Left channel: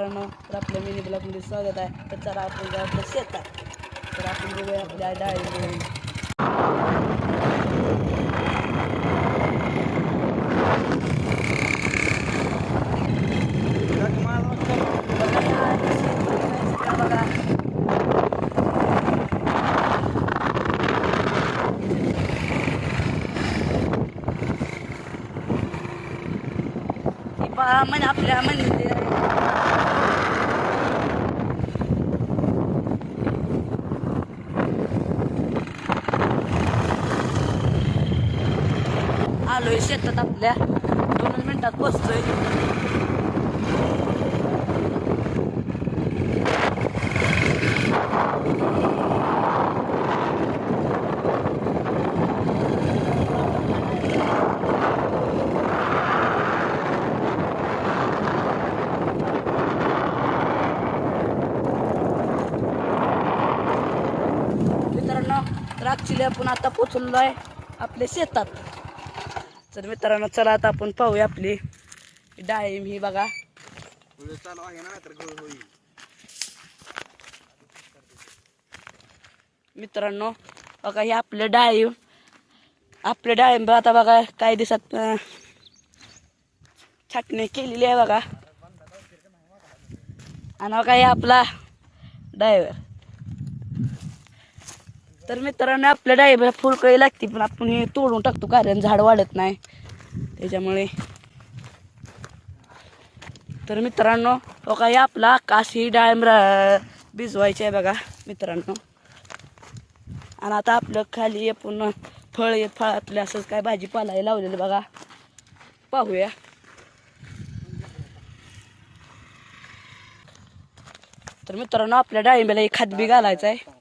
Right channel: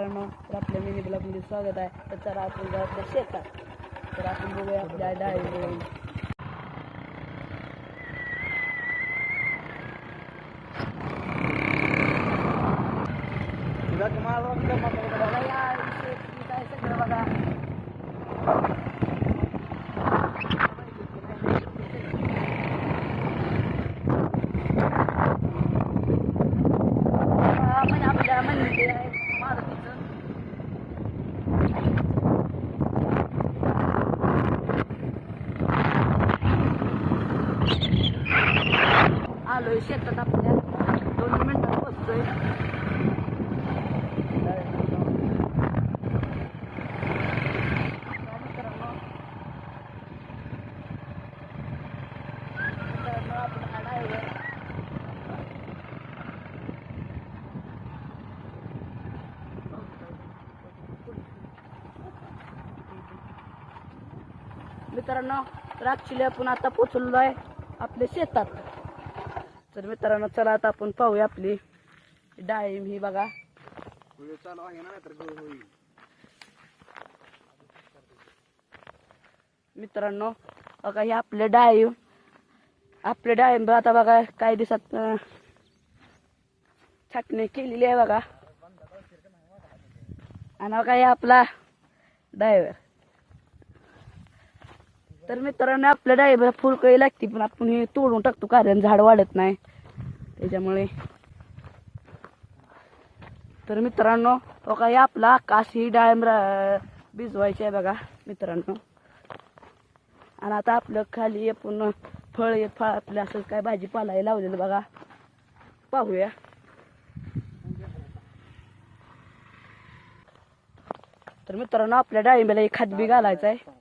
मित्रांनो, तर आपल्या मिनी ब्लॉगमध्ये स्वागत आहे. तर चला आपण जाऊ आपल्या शेतात. तर आपण बघूया आपल्या डाळी. आपल्या म्हणजे आलोय शेतात आपल्या 2 मिनिटात पोचतोय. मित्रांनो, तर ॲक्च्युली आपण आता पोचलो आहे आपल्या शेतात. तर मित्रांनो, चला आता आपण पाहूया आपली डाळिंब ही बघा. मित्रांनो बघा, हे आपले डाळिंब आता बघा काही दिवसात छाटणी केलेली आहे बघा. आणि बघा हे आपला ड्रायव्हर. तर मित्रांनो, आपल्या डाळिंबाला फुलकळी लागते, पण आपण हे तोडून टाकतो कारण झाड वाढत नाही त्याच्यामुळे. तर मित्रांनो बघा, हे आपला आकाश ही डाळिंब भिजवायची आहे बघा मित्रांनो. आणि आता आपलं खाली आपण फळातले असंच काय भाजीपाला लावलेलं बघा, पाहूया. तर मित्रांनो, आपल्या डाळिंबाला एक खत बी घालायचं आहे.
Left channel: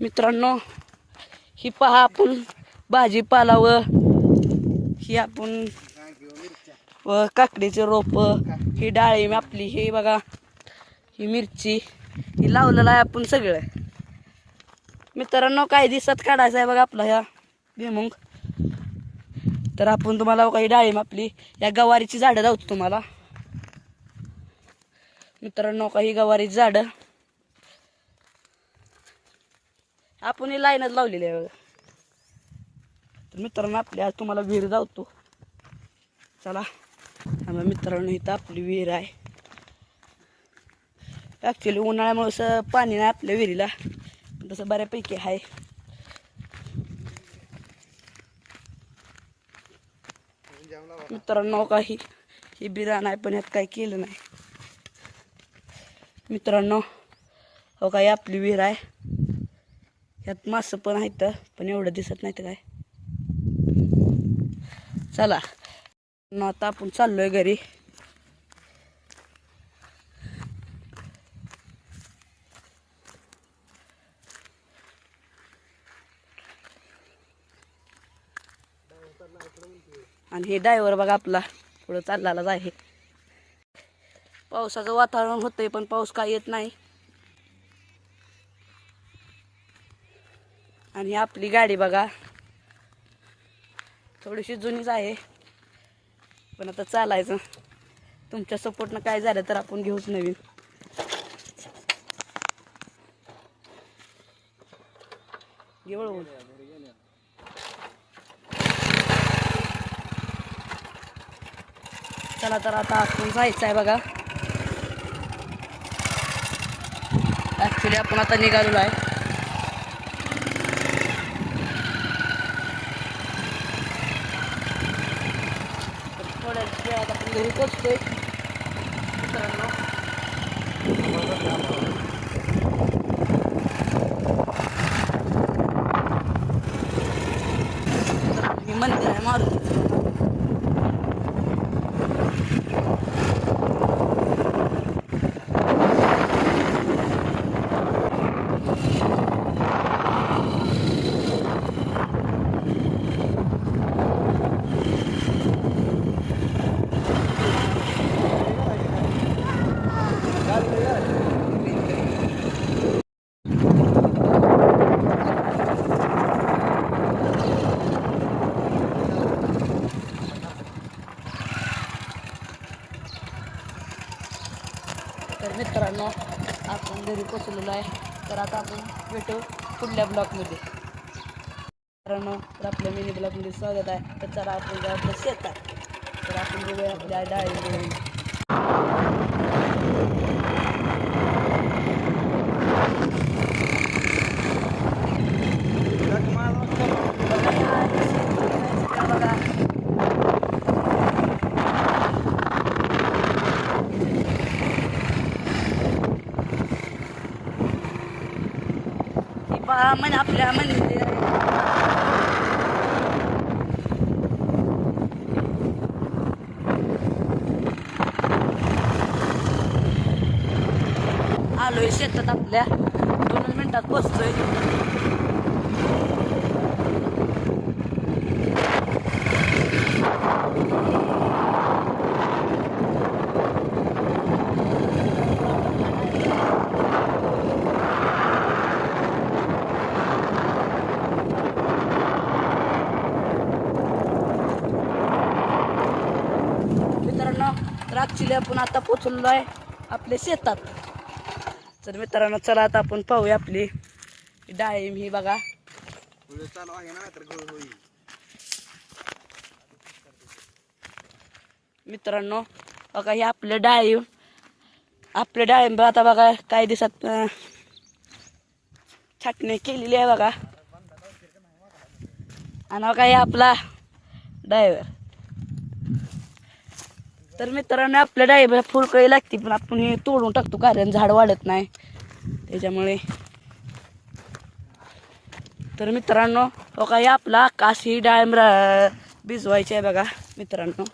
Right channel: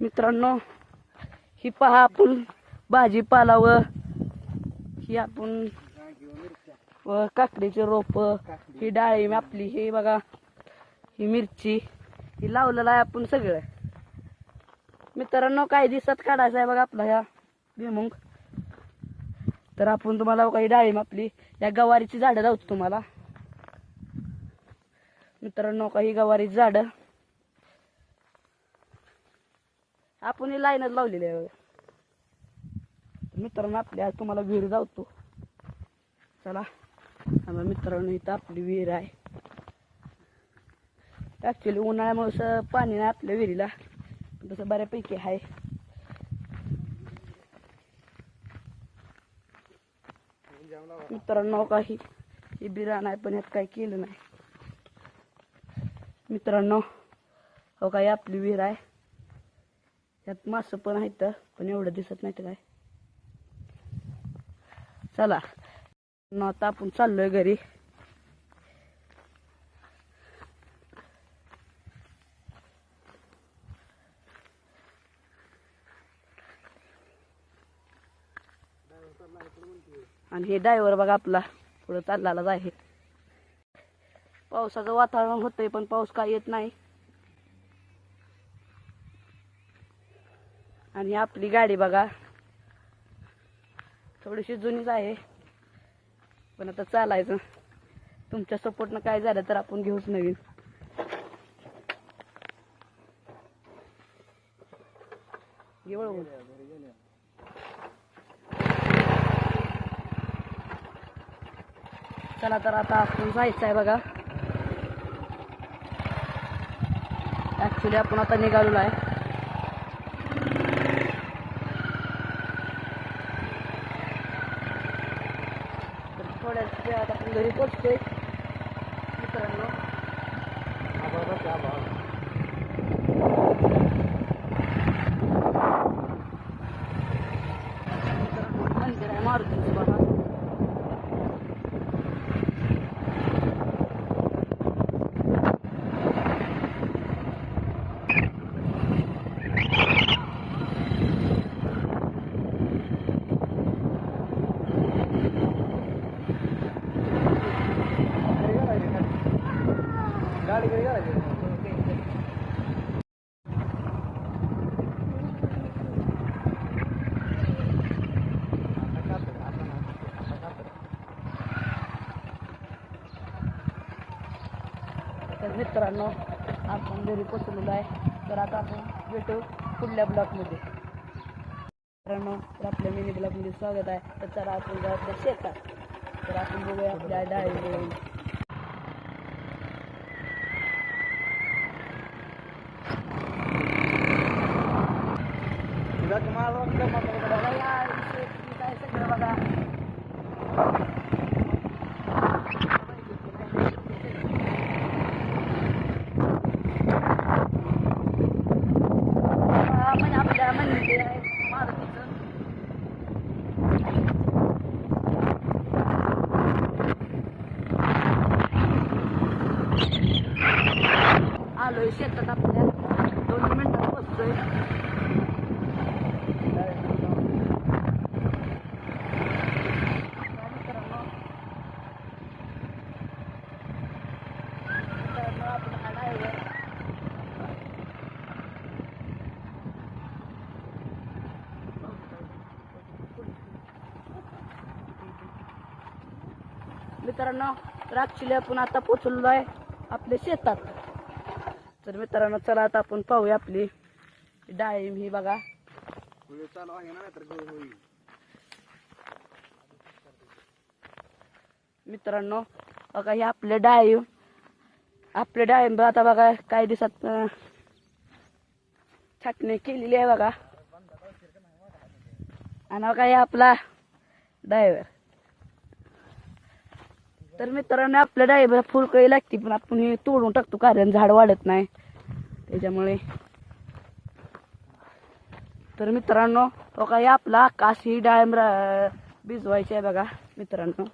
मित्रांनो, ही पहा आपण भाजीपाला व ही आपण व काकडीचे रोप, ही डाळिंब आपली, हे बघा ही मिरची, ही लावलेलं आहे आपण सगळं. मित्रांनो, काही दिवसात काढायचं आहे बघा आपला ह्या भुईमुग. तर आपण तुम्हाला काही डाळिंब आपली या गवारीची झाडं लावतो तुम्हाला. मित्रांनो, काही गवारीची झाडं आपण ही लाईनच लावलेली आहे बघा. तर मित्रांनो, आपल्या तुम्हाला विहीर जावतो. चला मित्रांनो, इथं आपली विहीर आहे. ॲक्च्युली उन्हाळ्यामुळे पाणी नाही आपल्या विहिरीला, तसं बऱ्यापैकी आहे. मित्रांनो, काही ही बिराण आहे, पण यात काही केलं नाही. मित्रांनो हो, काय आपली विहीर आहे. यात मासं पण आहेत, पण एवढं दिसत नाही तर काय. चला आता आपण चाललोय घरी. आणि हे ड्रायव्हर बघा आपला पुढं चाललाच आहे. पावसाचं वातावरण होतंय, पण पाऊस काय येत नाही. आणि आपली गाडी बघा थोडीशी जुनीच आहे, पण आता चालायचं. तुमच्या सपोर्टनं काय झालं तर आपण घेऊच नवीन. घेऊ चला, तर आता आपण जायचं आहे बघा. ॲक्च्युली आपण आता निघालेलो आहे. तर थोड्या वेळात आपण घरी पोचतोय मित्रांनो. मंदिर आहे मारुतीचं बघा. तर मित्रांनो आपण घरी पोचलेलो आहे. तर आता आपण भेटू पुढल्या ब्लॉकमध्ये. मित्रांनो तर आपल्या मिनी ब्लॉकमध्ये स्वागत आहे. तर चला आपण जाऊ आपल्या शेतात. तर आपण बघूया आपल्या डाळिंब. आपल्या मंदिर आलोय शेतात आपल्या 2 मिनिटात पोचतोय. मित्रांनो तर ॲक्च्युली आपण आता पोचलेलो आहे आपल्या शेतात. तर मित्रांनो चला आता आपण पाहूया आपली डाळिंब ही बघा. मित्रांनो बघा ही आपल्या डाळिंब आता बघा काही दिवसात छाटणी केलेली आहे बघा. आणि बघा हे आपला ड्रायव्हर. तर मित्रांनो आपल्या डाळिंबाला फुलकळी लागते पण आपण हे तोडून टाकतो कारण झाड वाढत नाही त्याच्यामुळे. तर मित्रांनो बघा हे आपला आकाश ही डाळिंब भिजवायची आहे बघा मित्रांनो.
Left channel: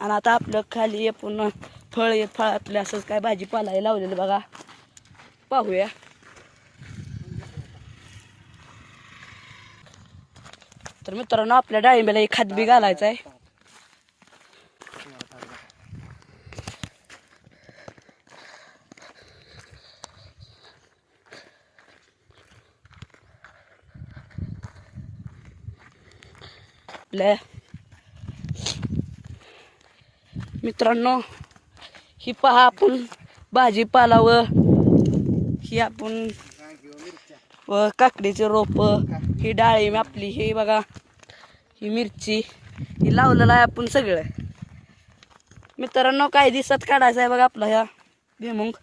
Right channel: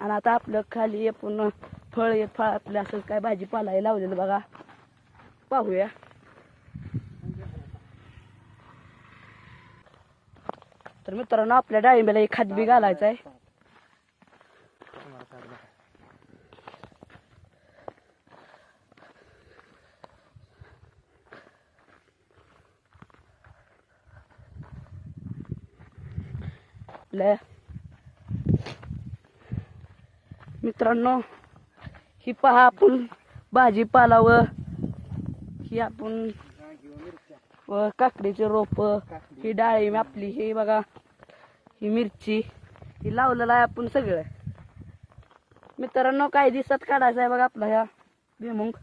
आणि आता आपलं खाली आपण फळ आपलं असंच काय भाजीपाला लावलेलं बघा पाहूया. तर मित्रांनो आपल्या डाळिंबाला एक खत बी घालायचं आहे. मित्रांनो ही पहा आपण भाजीपाला व ही आपण व काकडीचे रोप ही डाळिंब आपली हे बघा ही मिरची ही लावलेलं आहे आपण सगळं. मित्रांनो काही दिवसात काढायचं आहे बघा आपला ह्या भुईमुग.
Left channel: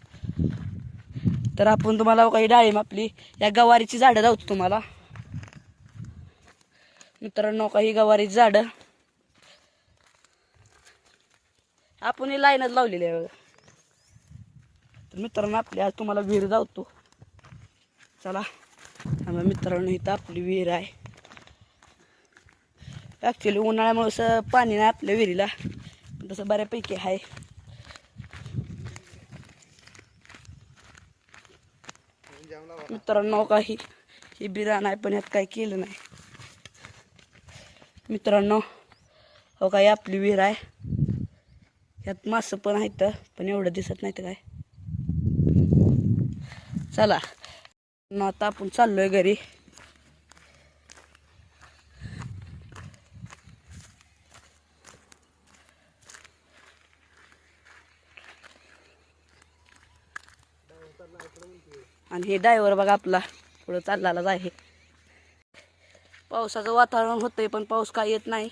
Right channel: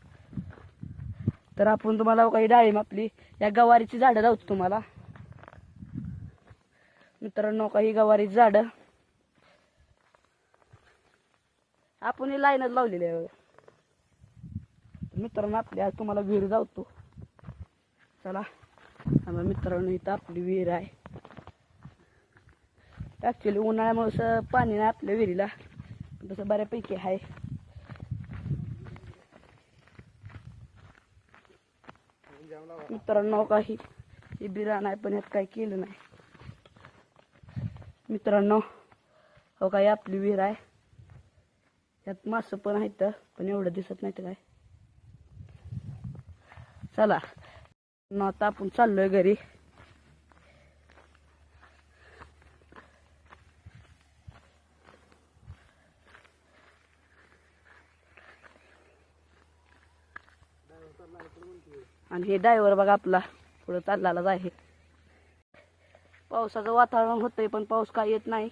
तर आपण तुम्हाला काही डाळिंब आपली या गवारीची झाडं दाखवतो तुम्हाला. मित्रांनो काही गवारीची झाडं आपण ही लाईनच लावलेली आहे बघा. तर मित्रांनो आपल्या तुम्हाला विहीर दाखवतो चला. मित्रांनो इथं आपली विहीर आहे. ॲक्च्युली उन्हाळ्यामुळे पाणी नाही आपल्या विहिरीला तसं बऱ्यापैकी आहे. मित्रांनो काही ही बिराण आहे पण यात काही केलं नाही. मित्रांनो हो काय आपली विहीर आहे. यात मासं पण आहेत पण एवढं दिसत नाही तर काय. चला आता आपण चाललोय घरी. आणि हे ड्रायव्हर बघा आपला पुढं चाललाच आहे. पावसाचं वातावरण होतंय पण पाऊस काय येत नाही.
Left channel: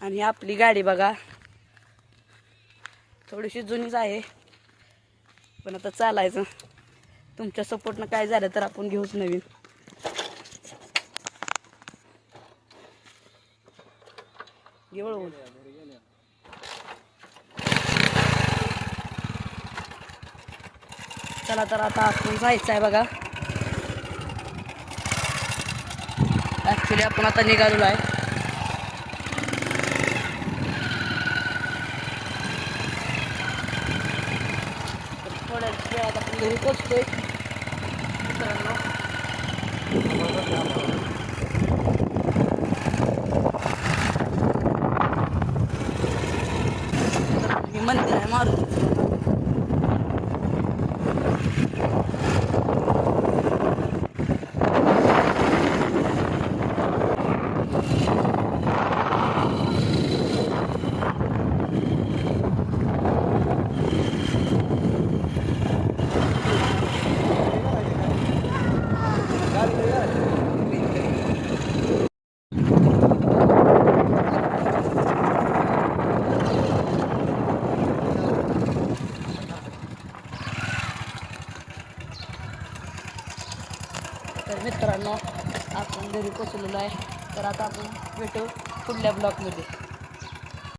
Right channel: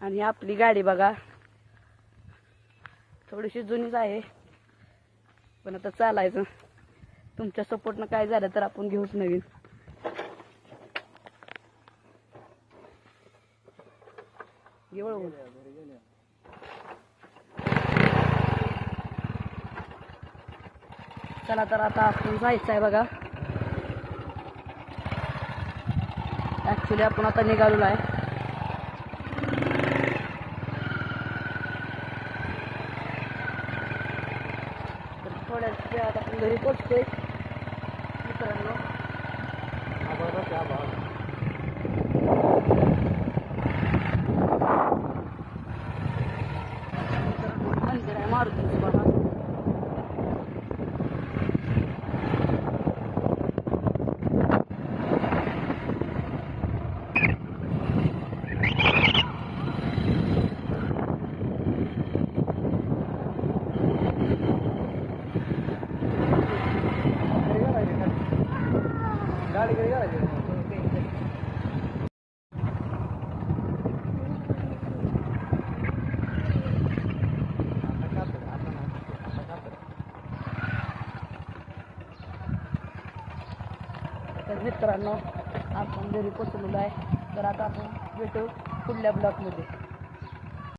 आणि आपली गाडी बघा थोडीशी जुनीच आहे पण आता चालायचं. तुमच्या सपोर्टनं काय झालं तर आपण घेऊच नवीन. घेऊ चला तर आता आपण जायचं आहे बघा. ॲक्च्युली आपण आता निघालेलो आहे. तर थोड्या वेळात आपण घरी पोचतोय मित्रांनो. तर मित्रांनो आपण घरी पोचलेलो आहे. तर आता आपण भेटू पुढल्या ब्लॉगमध्ये.